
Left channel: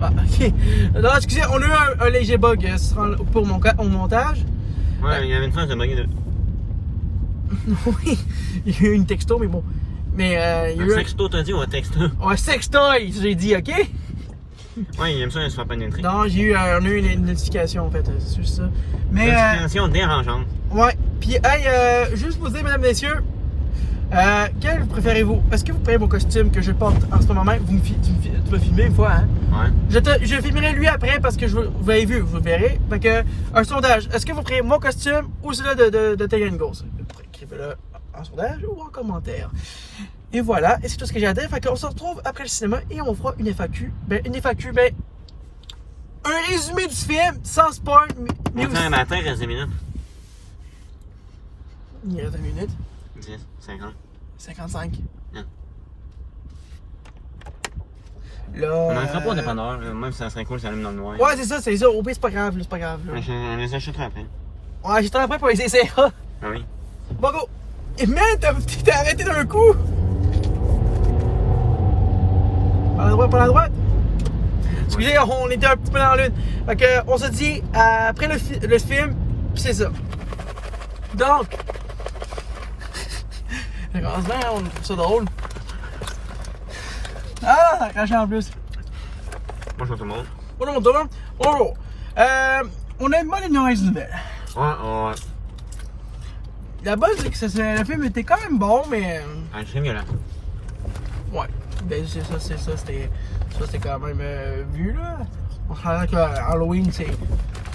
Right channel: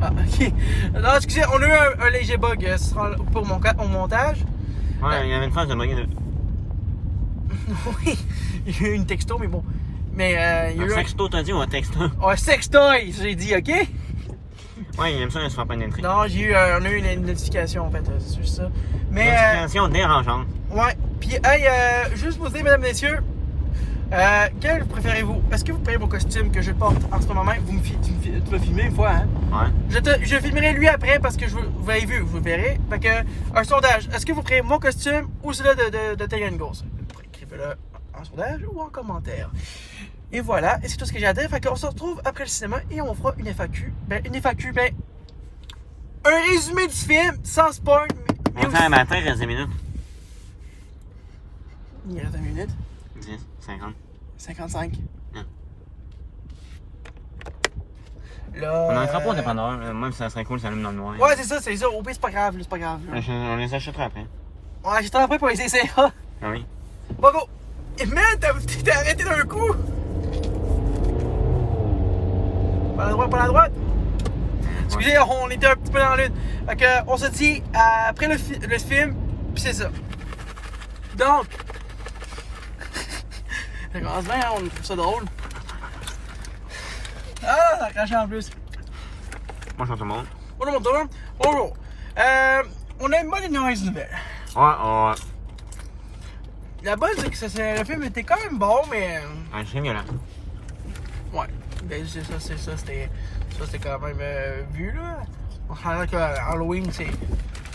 Ah, ok. Non, excusez, on a eu un léger bug pour mon montage. Ouais, il y avait une phase de bugger de. Oui, il y a eu une texto, mais bon. Mais il y a eu un sexto, t'as dit ou un texto? Un sextoy, j'ai dit, ok? Ouais, il aime ça, il se fait pas pénétrer. Non, on a eu une notification en fait, c'est juste ça. Mais. Notification dérangeante. Ouais, puis hey, juste vous dire, mesdames, messieurs, quel préférez-vous? Est-ce que vous préférez mon costume que je porte en ce moment même? Tu vas filmer une fois, hein? Ouais. Je filmerai lui après parce que vous l'avez vu, vous le verrez. Fait que, un sondage. Est-ce que vous préférez mon costume ou celui de Tegan Ghost? Écrivez-le en sondage ou en commentaire. Et voilà, et c'est tout ce que j'ai à dire. Fait qu'on se retrouve après le cinéma et on fera une FAQ. Un résumé du film, sans spoil. Mais aussi... matin, il reste 10 minutes. Il reste 10 minutes. 10, 50. 55. Là. On en fera pas au dépanneur. Moi, ça serait cool, ça allume dans le noir. Ouais, c'est ça. Au pire, c'est pas grave, c'est pas grave. On les achètera après. Ouais, j'étais après pour les essayer. Ah oui. Bon, go! Et man, t'es arrêté d'un coup! Par la droite. Excusez, on était un petit peu dans la lune. Fait que, on se dit après le film, pis c'est ça. Donc, on trouve ça drôle. Ah, ça a craché en plus. Bonjour tout le monde. Bonjour tout le monde. Bonjour. On aime pas les noises nouvelles. Ouais. La base, c'est que le film était quand même bon, mais. C'est violent. Ouais. Ben, c'était quand même vu, là. On se rend que Halloween,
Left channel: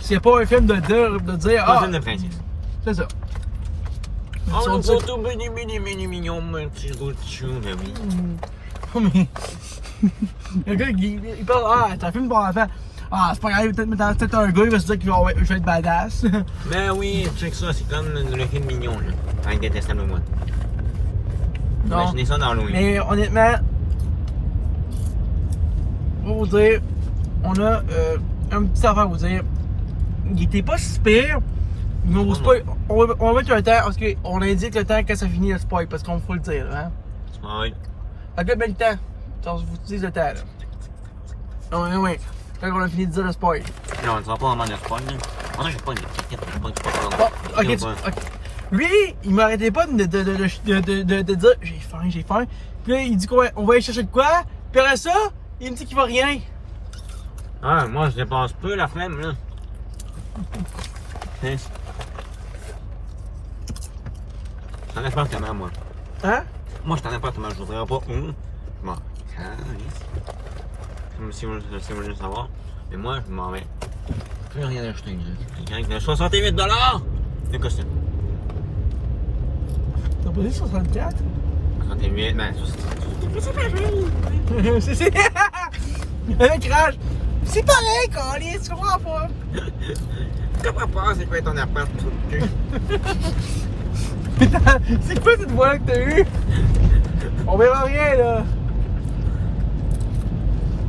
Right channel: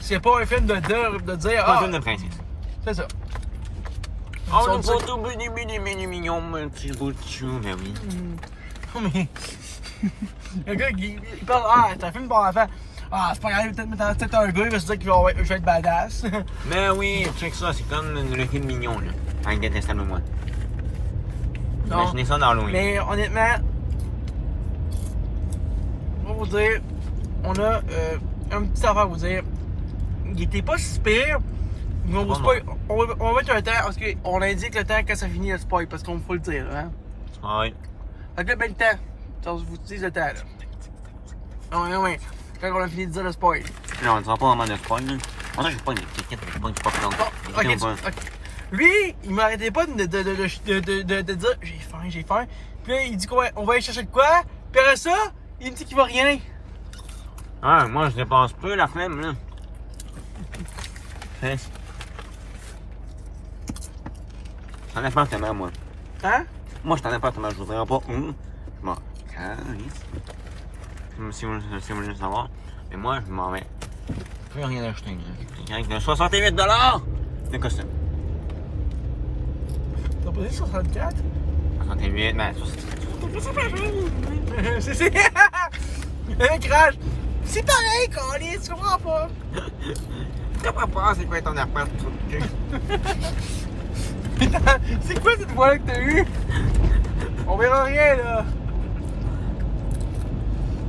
c'est pas un film de dire. C'est un film de principe. C'est ça. Oh, le photo mignon, petit bout de chou, bien oui. Mais. Le gars, il parle, c'est un film pour enfants. Ah, c'est pas grave, peut-être un gars, il va se dire qu'il va être badass. Mais oui, check ça, c'est comme le film mignon, là. Avec Détestable Moi. Imaginez ça dans Halloween. Mais honnêtement, on va vous dire, on a un petit affaire à vous dire. Il était pas si pire, mais on vous on va mettre un temps, parce qu'on indique le temps quand ça finit le spoil, parce qu'on faut le dire, hein. Spoil. Fait que là, ben le temps. Ça, je vous dis le temps, là. Oui. Quand on a fini de dire le spoil. Non, on ne dira pas vraiment de spoil, là. Moi, je pas une étiquette, je pas peur. Bon, ok. Lui, il m'arrêtait pas de dire j'ai faim. Puis là, il dit qu'on va aller chercher de quoi. Puis après ça, il me dit qu'il va rien. Ah, moi, je dépasse peu la flemme, là. J'en ai pas tellement, moi. Hein? Moi, je t'en ai pas tellement, je voudrais pas. Bon, si vous voulez savoir. Mais moi, je m'en vais. Je peux rien acheter, là. 68 $! De quoi ça? T'as pas dit 64? 68, mais. C'est. Le crash! C'est pareil, Carly, tu comprends pas? T'as pas peur, c'est quoi ton appart? C'est quoi cette voix que t'as eue? On verra rien, là.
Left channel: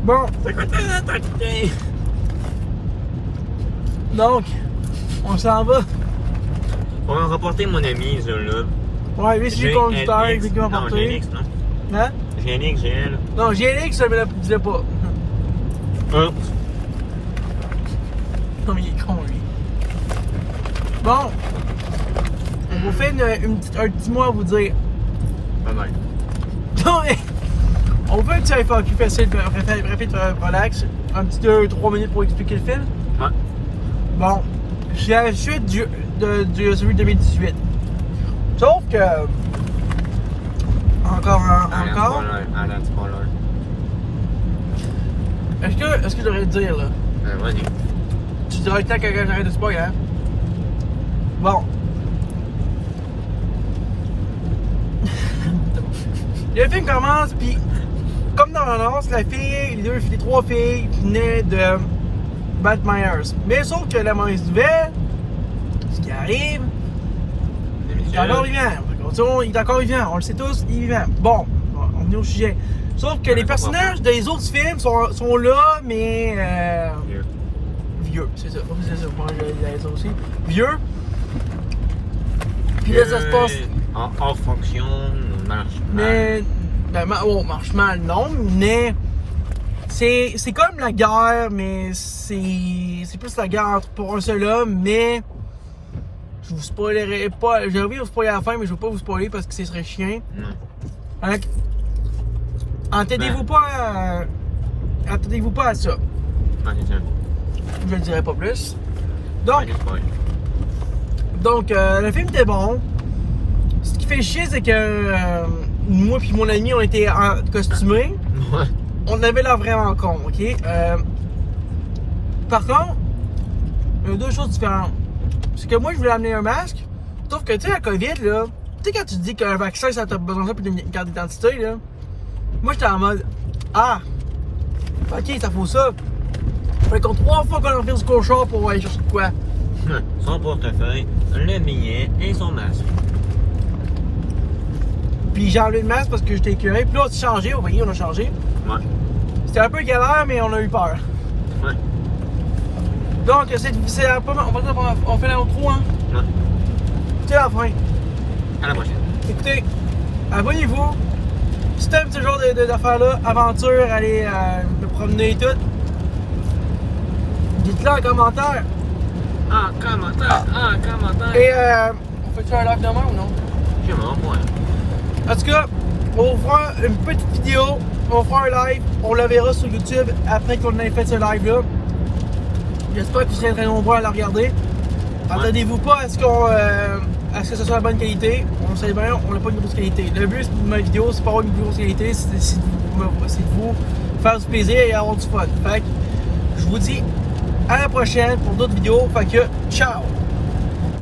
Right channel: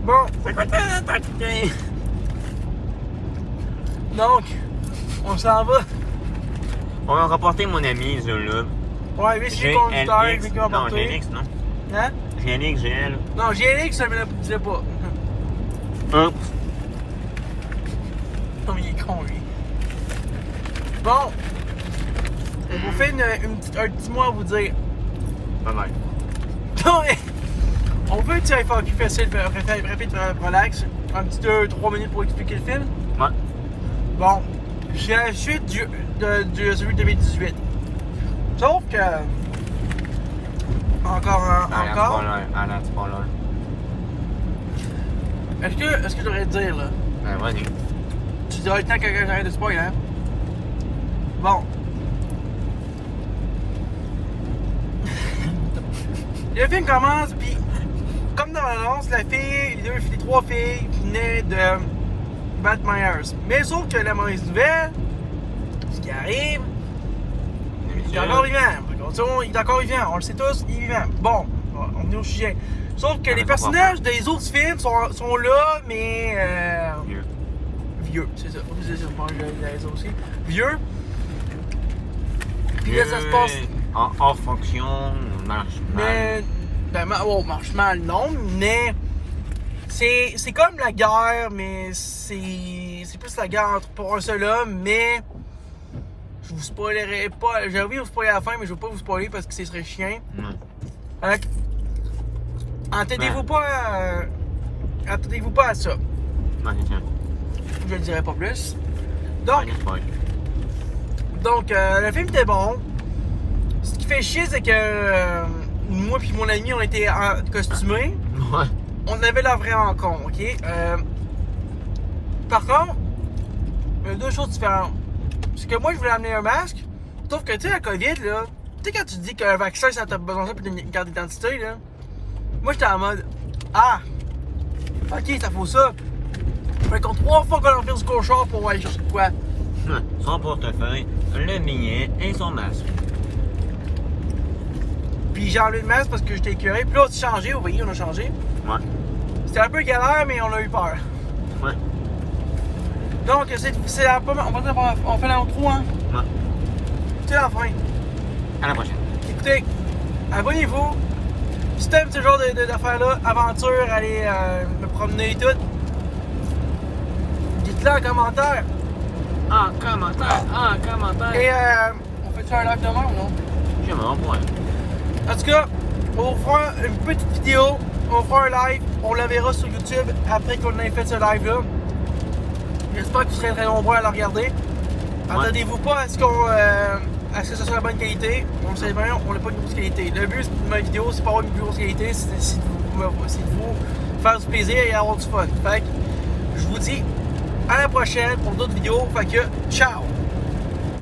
Bon. C'est quoi ton quitté? Donc, on s'en va. On va rapporter mon ami, là. Ouais, lui, c'est lui conducteur, lui qui m'a Non, porté. GLX, non? Hein? GLX, GL. Non, GLX, mais la disais pas. Oups. Comme il est con, lui. Bon. On vous fait un petit mot à vous dire. Bye bye. Non, mais. On fait un petit FAQ facile, rapide, relax. Un petit 2-3 minutes pour expliquer le film. Ouais. Bon. J'ai la chute de celui de 2018. Sauf que. Encore. Est-ce que je devrais te dire, là? Ben, vas-y. Tu diras le temps que j'arrête de spoil, hein? Bon. Le film commence, puis comme dans l'annonce, les 3 filles venaient de Matt Myers. Mais sauf que la mauvaise nouvelle, ce qui arrive, il est encore vivant. Il est encore vivant, on le sait tous, il est vivant. Bon, on est au sujet. Sauf que les personnages des autres films sont là, mais. Vieux, c'est ça. Moi, j'allais dire aussi. Vieux. Puis là, ça se passe. En fonction, marche mal. Mais. Ben, marche mal, non, mais. C'est comme la guerre, mais c'est plus la guerre pour un seul homme, mais. Je vous spoilerai pas. J'ai envie de vous spoiler à la fin, mais je veux pas vous spoiler parce que ce serait chiant. Donc, attendez-vous pas à ça. Je ne dirai pas plus. Donc, le film était bon. Ce qui fait chier, c'est que moi et mon ami, on était costumés. Ouais. On avait l'air vraiment con, ok? Par contre, il y a 2 choses différentes. C'est que moi, je voulais amener un masque. Sauf que, tu sais, la COVID, là, tu sais, quand tu dis qu'un vaccin, ça t'a besoin de ça pour une carte d'identité, là. Moi, j'étais en mode, ah, ok, ça faut ça. Fait qu'on 3 fois qu'on enferme du cochon pour aller chercher de quoi. Son portefeuille, le billet et son masque. Puis j'ai enlevé le masque parce que j'étais écœuré. Puis là, on s'est changé, vous voyez, on a changé. Ouais. C'était un peu galère, mais on a eu peur. Ouais. Donc, c'est la première. On fait l'intro, hein? Ouais. C'est la fin. À la prochaine. Écoutez, abonnez-vous. Si t'aimes ce genre d'affaires-là, aventure, allez me promener et tout, dites-le en commentaire. En commentaire. Et on fait-tu un live demain ou non? Je m'en vois. En tout cas, on fera une petite vidéo, on fera un live, on la verra sur YouTube après qu'on ait fait ce live-là. J'espère que vous serez très nombreux à la regarder. Attendez-vous pas à ce que ça soit la bonne qualité. On sait bien, on n'a pas une grosse qualité. Le but de ma vidéo, c'est pas avoir une plus grosse qualité, c'est de vous faire du plaisir et avoir du fun. Fait que je vous dis à la prochaine pour d'autres vidéos. Fait que ciao!